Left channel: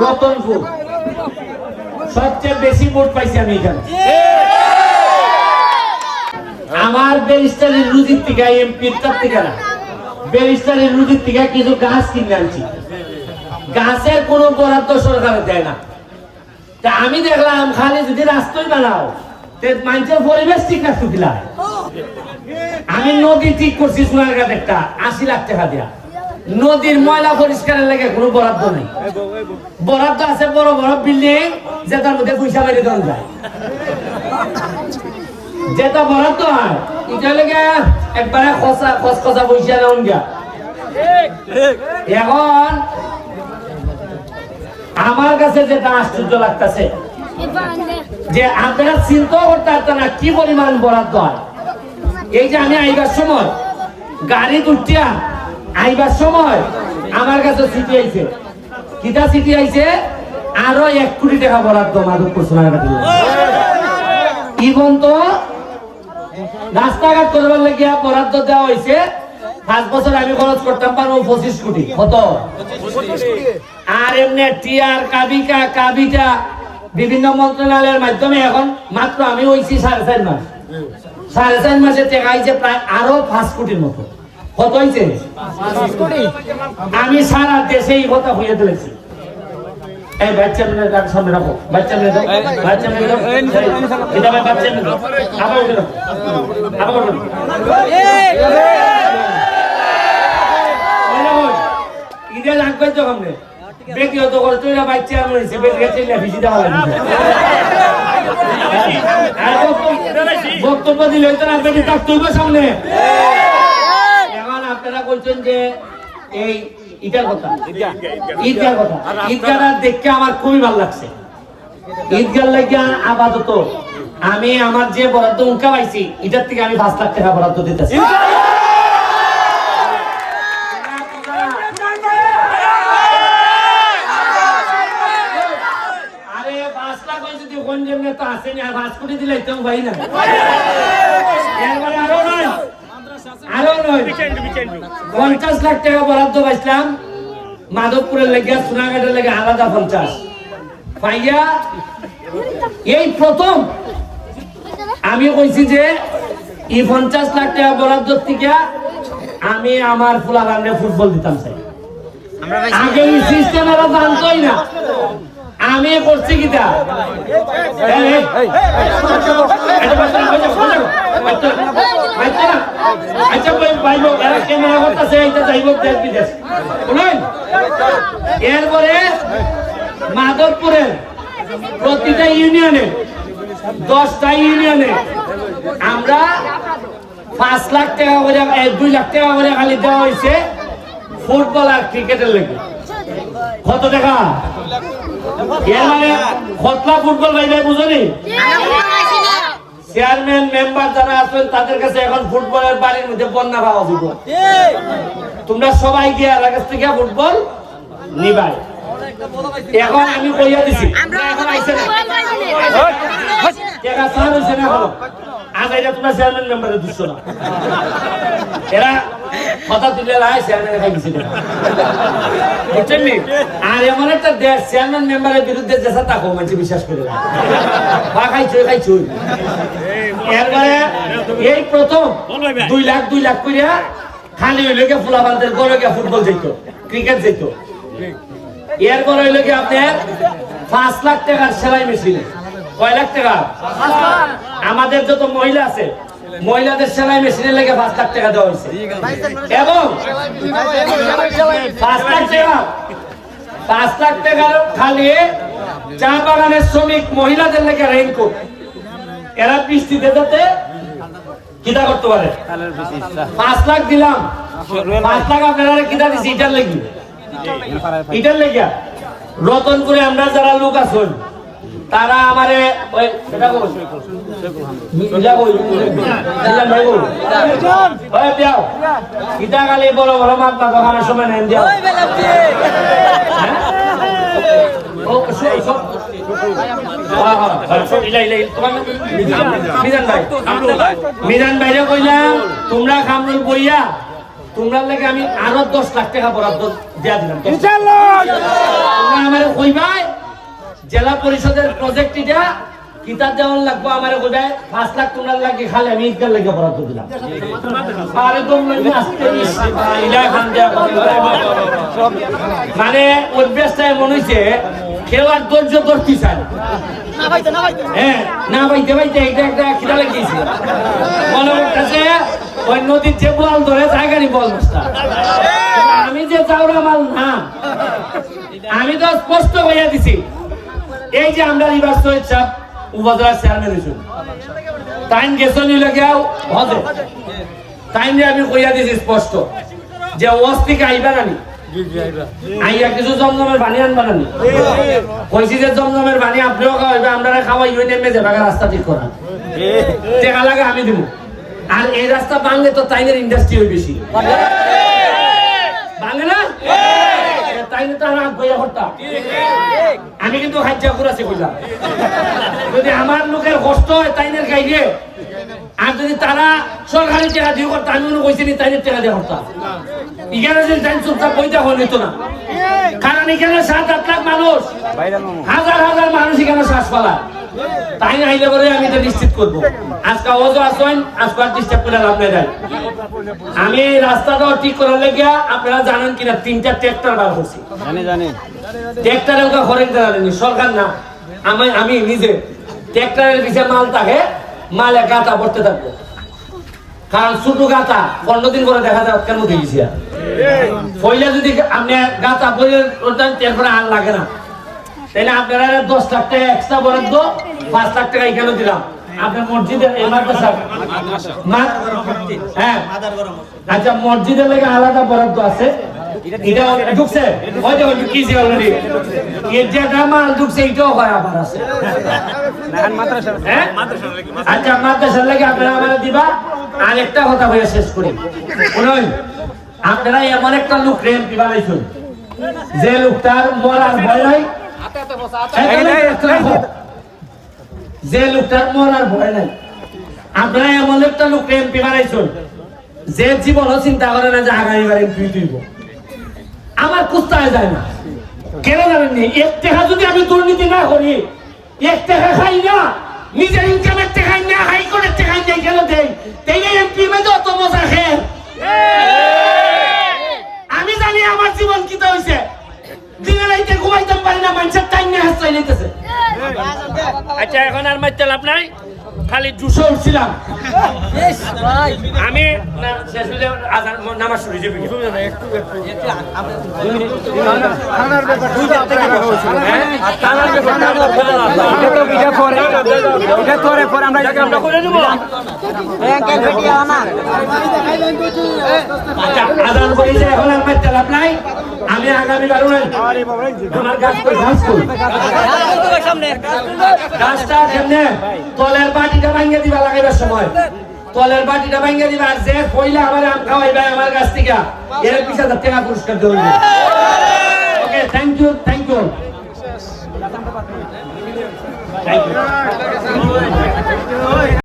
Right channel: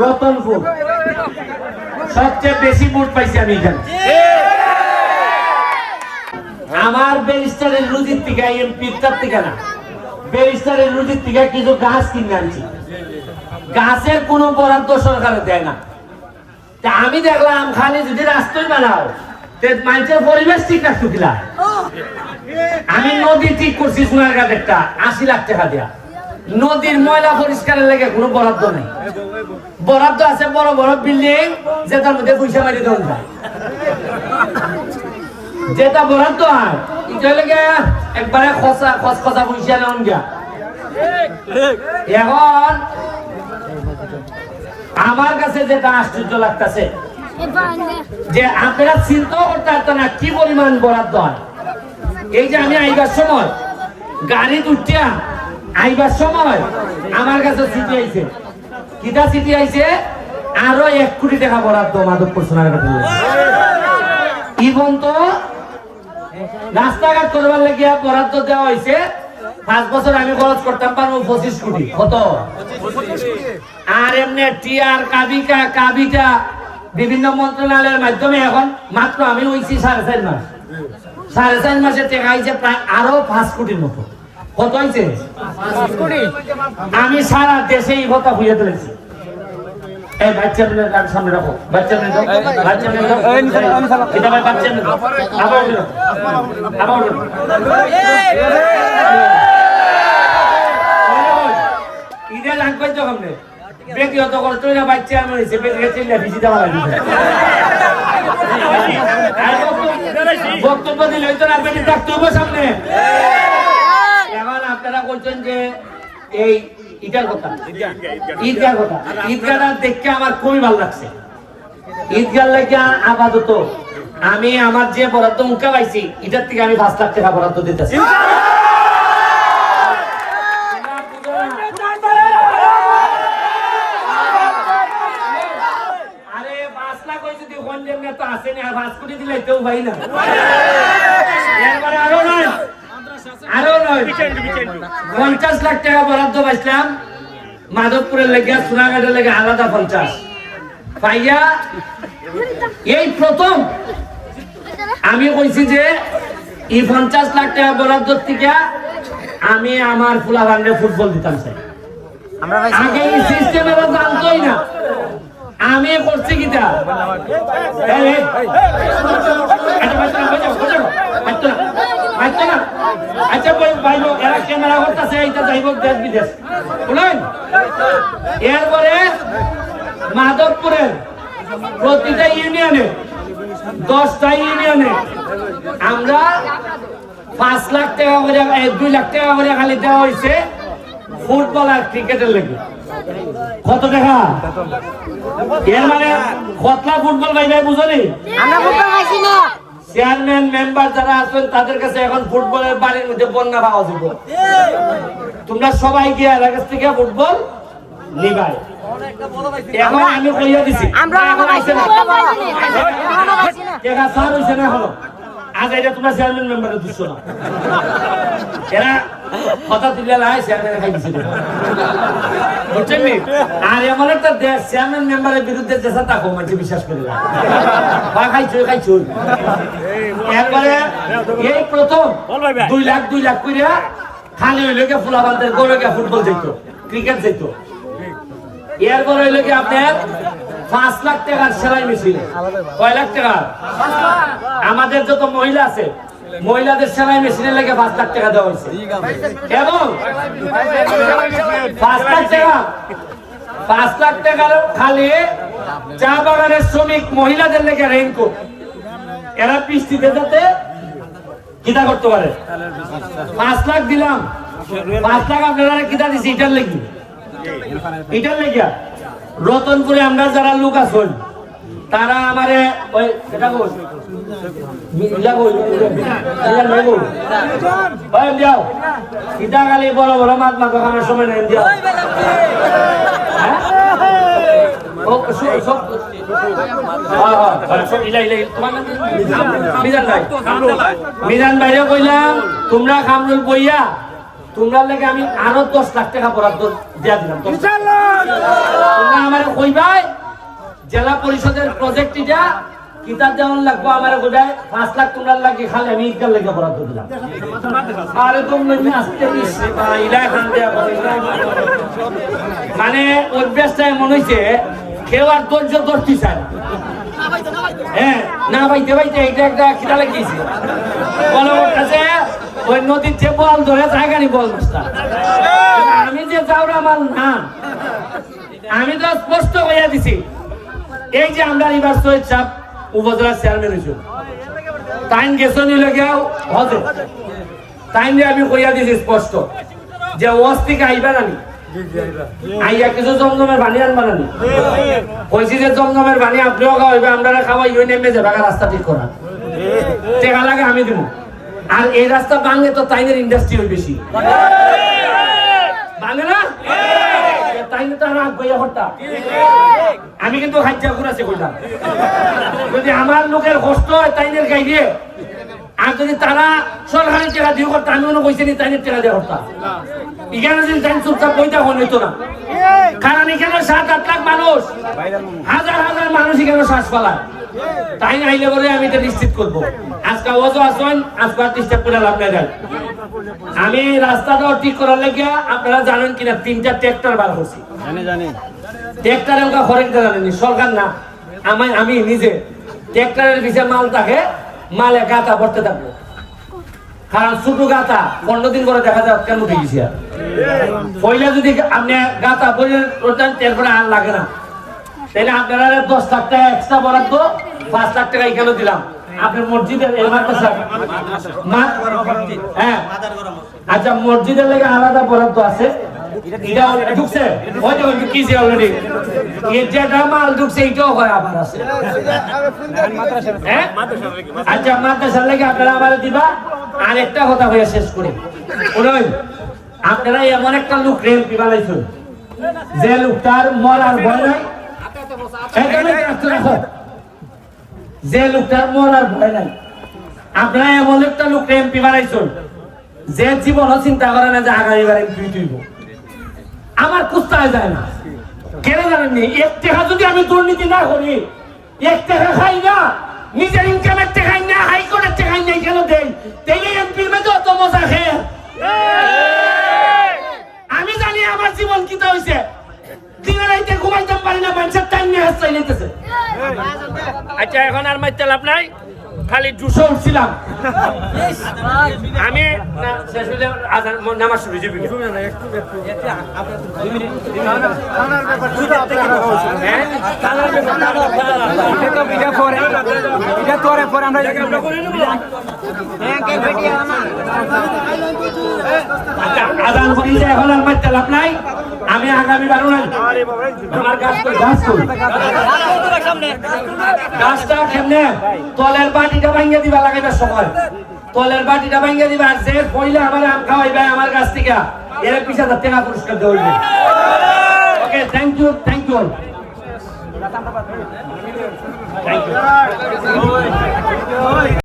রতনপুর। সবচেয়ে বেশি ভোট পাইছি আমি এখানে। আমার ব্যারিস্টারের রুজির থেকে এমপির তার থেকে না। ব্যারিস্টারের রুজির থেকে কিছু গাছ কিনে আনছি। গাছের কোনো বরাদ্দ সরকারে দেয় না। তা আমি দেখলাম খালি যদি রাস্তায় বানাও তে মানুষের পরিবেশ ঠিক রাখতে দিলা আমি নদী ঠিক করছি সোনারঘাট একটা আশি লাখ টাকা দিয়া। নদীর ময়লা পরিষ্কারের লেগে কোনো বরাদ্দ নেই। বরাদ্দ আছে বড় বড় বিল্ডিং, যেটার মধ্যে পয়সা মারি দেওয়া যায়। যেটা বরাদ্দ হয় এটা লেগে একবারে খসা খসখসা পয়সা নেওয়া গিয়া। এখন আমার কাছে যেটা আশ্চর্য লাগতেছে, যে আপনারা চিন্তা করতে পারতেন না কি পরিমাণ বরাদ্দ হয়। এই যে আমি আইবার সময় গাড়ি উঠিয়া আইবার সময় আমার কাছে চিঠি আইছে। কিটা চিঠি আইছে? আরও এক কোটি টাকা বরাদ্দ মাধবপুর সোনারঘাট ইবন তো রাস্তাঘাট করবার লাগিয়া বরাদ্দ দেওয়া হয়েছে পাঁচ বছর আমি খরচ করতাম পারব পঁচিশ কোটি। কত? আর এমনি টিআর কাবিকা, কাবিটা বিভিন্ন মন্ত্রণালয়ের মাধ্যমে এখন মাত্র আমি হইছি সাড়ে চার মাস। সাড়ে চার মাসে টাকা হয়েছে প্রায় আরও পাঁচ কোটির মতো। কত হয়েছে আমি সারা দেশে এই কথা হইয়া দিয়েছি এই বাচ্চা মেয়ে তার সামনে রাখো বাচ্চা মেয়ে বাচ্চা মেয়ে এটা ভাই বাচ্চা মেয়ে আবার উঠে আবার ইটা লাগবে তো কমনে ব্যক্তিগত করে তো বাচ্চা চিল্লা ভিজি দেওয়া লাগবে বক্তব্য দিলে হয়তো না বেটি থাকতে সামনে বলছেন যে এই ইটার কথা। ঈদগার কথা। ঈদগাটা দেখতে আমার খুবই ভালো লাগছে। ঈদগার লাগিয়া আপাতত আমি আমার যে বরাদ্দ উঙ্কা পাইছি এটার থেকে আমি পাঁচ লাখ টাকা বরাদ্দ দিতেছি। আসেনি আর পাঁচ কোটি দিলে তো ভাই না। আরও নয় পঞ্চাশ লাখ টাকা বরাদ্দ পাইছিলাম। মাধবপুরের লেগে সোনাঘাটের লেগে আলাদা পঞ্চাশ। পাইয়া এই প্রথম। আমি কইছি যে এই পঞ্চাশ লাখ টাকা বরাদ্দ থেকে আমি আমার ফুলা ফুটবল দিতাম চাই। আগে এই সিস্টেম এরা জানতোই না। আমি করছি এই, আচ্ছা। আচ্ছা? এরপরে মাধবপুরের প্রতিটা ইউনিয়নে দশটা ইউনিয়নে আমরা পাঁচ লাখ টাকা করে দুই লাখ টাকা করে খালি দেওয়া হয়েছে ফুটবল আর ক্রিকেটের লেগে। কত টাকা এর মানে কতলা ফুটবল ভাই ভাই বুঝনি চেয়ারম্যান মেম্বার যারা আছেন তাদের কাছে এখন ফুটবলের বাড়ির মধ্যে বন্যা পাওয়া যাব তোমরা সবাই গিয়ে এলাকার কাছ থেকে ফুটবল নিবাই এখন আমি কইয়া দিছি এখন আইছে না। টাকা সার হইছে না এখনও? আজ এটা তোমরা চেয়ারম্যান মেম্বারের দিচ্ছ না এরা কথা লাই বুঝছেন নি? আর এমন একটা দেশ চেয়ারম্যান মেম্বারের বিরুদ্ধে দেশে তাকো মানুষ বিশ্বাস করে না। বা খাইছই খাইছই। এরপরে এই প্রথম দুই লাখ দুই লাখ করিয়া খালি হইল গিয়ে ফুলাবান্তের গড়ে গিয়ে ফুটবল যেত ক্রিকেট যেত এরপরে হইল কি আপনার পাঁচ লাখ টাকার সেলাই মেশিন। কয় লাখ টাকা? আমাদের যত মহিলা আছে মহিলাদের সেলাই মেশিনের লেগে পাঁচ লাখ টাকা দেওয়া হয়েছে। এবং পাঁচ লাখ টাকা পাঁচ লাখ টাকার খালি চা বাগানের শ্রমিক মহিলাদের লেগে রেইনকোট এরা বৃষ্টিতে যেতে কিতা করতে পারে। পাঁচ লাখ দিলাম। পাঁচ লাখ আপনারা কিতা দিছি এটার লেগে। এটার লেগে। রতনপুরে আমরা যারা লোক আছেন তারা আমারে গালি বড় বড় না দোকানের সময় নেন দিও হ্যাঁ? হ্যাঁ, হ্যাঁ? মিজান ভাই। মিজান ভাইরে কইলাম তোমরা কামরুল বইয়া তোমরা লাগে আমি আরও দশ লাখ টাকা বরাদ্দ দিয়া দিলাম তোমরা আমার কইবাই জেলা পরিষদের প্রজেক্ট এটা কিতাব যেমন লাগবো আমার কইবাই পাঁচ লাখ তোমরা লাগে খালি আমি ইটার লাগে বরাদ্দ দিলাম। আরে তোমরা আসতে মানে অভ্যাসটা এমন হইছে কেউ আর ধৈর্য ধরতে চায় না। হ্যাঁ না ভাইতে ভাইতে এটা একটা খিদা লাগিয়েছে। বলে ওই নদীর যে বল ধরে জায়গারই বল আমি যে চাউরা মাল না, আমি তো স্পষ্ট হইয়া দিছি। এই যে আমরা রিভার সৈয়দ সাহেব উপজেলার চেয়ারম্যান হয়েছিল টাইম গেছে নিলে হজে। টাইম দিয়ে আমি কইয়া দিছি স্পষ্ট যে থেকে আইবা নানি আইয়া কিছু জমজমের বানি আনবা নানি কইছি যে জমজমের বানি আপনিও খাওয়াইবে আমরা খাওয়াই নেমে যাবে রাস্তা ঠিক করা। টেকা লাগে আমি দিব আর এই রাস্তা বাংলে তো তাইনের ইন্ডাস্ট্রি হই বেশি। বাংলে না? তাইনে তো রাগ বইয়া হত্যা আমি কিন্তু কইলাম। যদি আমার লোকের কষ্ট হয় তাইনের আর যদি তারা সরকারি টাকা দিয়ে করতে আমি মনে কইছি তাইনের টাকা দিয়ে করতাম এখানে যদি তাই চুপচাপ বইটা হন হইতো না। কারণ এখানে সাত আট লাখ মানুষ হাজার হাজার মানুষ এখানে শ্বাস পালায় না আইলে বলে আমি এটা নিশ্চিত করব। আজকে ওজো আসেন আজকে আর ডিস্টার্ব করে লাভ নাই আমি এই রাস্তাটা ঠিক করার লাগিয়া আপনারা জানেন কিনা তিনটা ট্রাক্টর বার করছি। জানি জানি। ট্রাক্টরে ওটা সরকার না। আমি আমি নিজে। ট্রাক্টরের পিছিয়ে মাল থাকে মালে গাতা ভরতে থাকবে। কারণ ছোট গাতা পনেরো দিন করে দেখা যায় কেন দিয়েছি পয়লা যদি আপনি গাতা বলে তারপরে আর লাগে না। তাহলে আপনারা দশ লাখ টাকা এক্সট্রা বরাদ্দ পাঁচ লাখ টাকা এখানে দিলাম। আপনার মসজিদের হ্যাঁ। আচ্ছা মসজিদের লেগে আলাদা বরাদ্দ আছে। ঢুকছে? ওই দেখো অলরেডি এর যেটা মাল ঢুকছে এটাও হয় আবার আছে নাহান মাদ্রাসা? হ্যাঁ? আচ্ছা মাদ্রাসার লাগে আপনারা আমার দিবা। আর একটা কথা হয়ে শেষ করি। শুনুন আপনারা এমন একটা লোক রেল বানাইছেন যে লোকটার মরার ভয় নাই। যে লোকটার মরার ভয় নাই। আপনারা এমন একটা লোক এমপি বানাইছেন যে জীবনও চিন্তা করে না যে আগামী বার এমপি তুইব। আমার কুস্তায় যায় না। কেন জানেননি এক টাকা যদি আমি দুর্নীতি না করি এক টাকা খাই না নিজের ইনকামের টাকাই না হাইকোর্টের টাকাই না কেন দেই? তাই এমপি মধ্যে অত মজা খেয়ে আমি জানি আমার জীবন কি হয়েছে দিনে রাইতে ঘুমাইতাম পারি না মানুষের টাইম নিয়ে হাসতে নিতেছে। আচ্ছা এখন আর মাইতে লাভ নাই খালি জুসো উঠছিলাম। আমি নামাজ শুরু হয়ে? যাবে করে নেব। আচ্ছা, এখন আর মাইতে লাভ নাই। আমি আগামী নাই আমার গাছটা কেমনে? তলের বাটিটা ভাঙ্গে দিবা লাগাইবার সময়। তলের বাটিটা ভাঙ্গে দিবা যে পইলে আমার আম খাওয়াইবে আমার গাছ থেকে, এর পিছা তার টাকা পুরস্কার দেওয়া okay thank you thank you thank you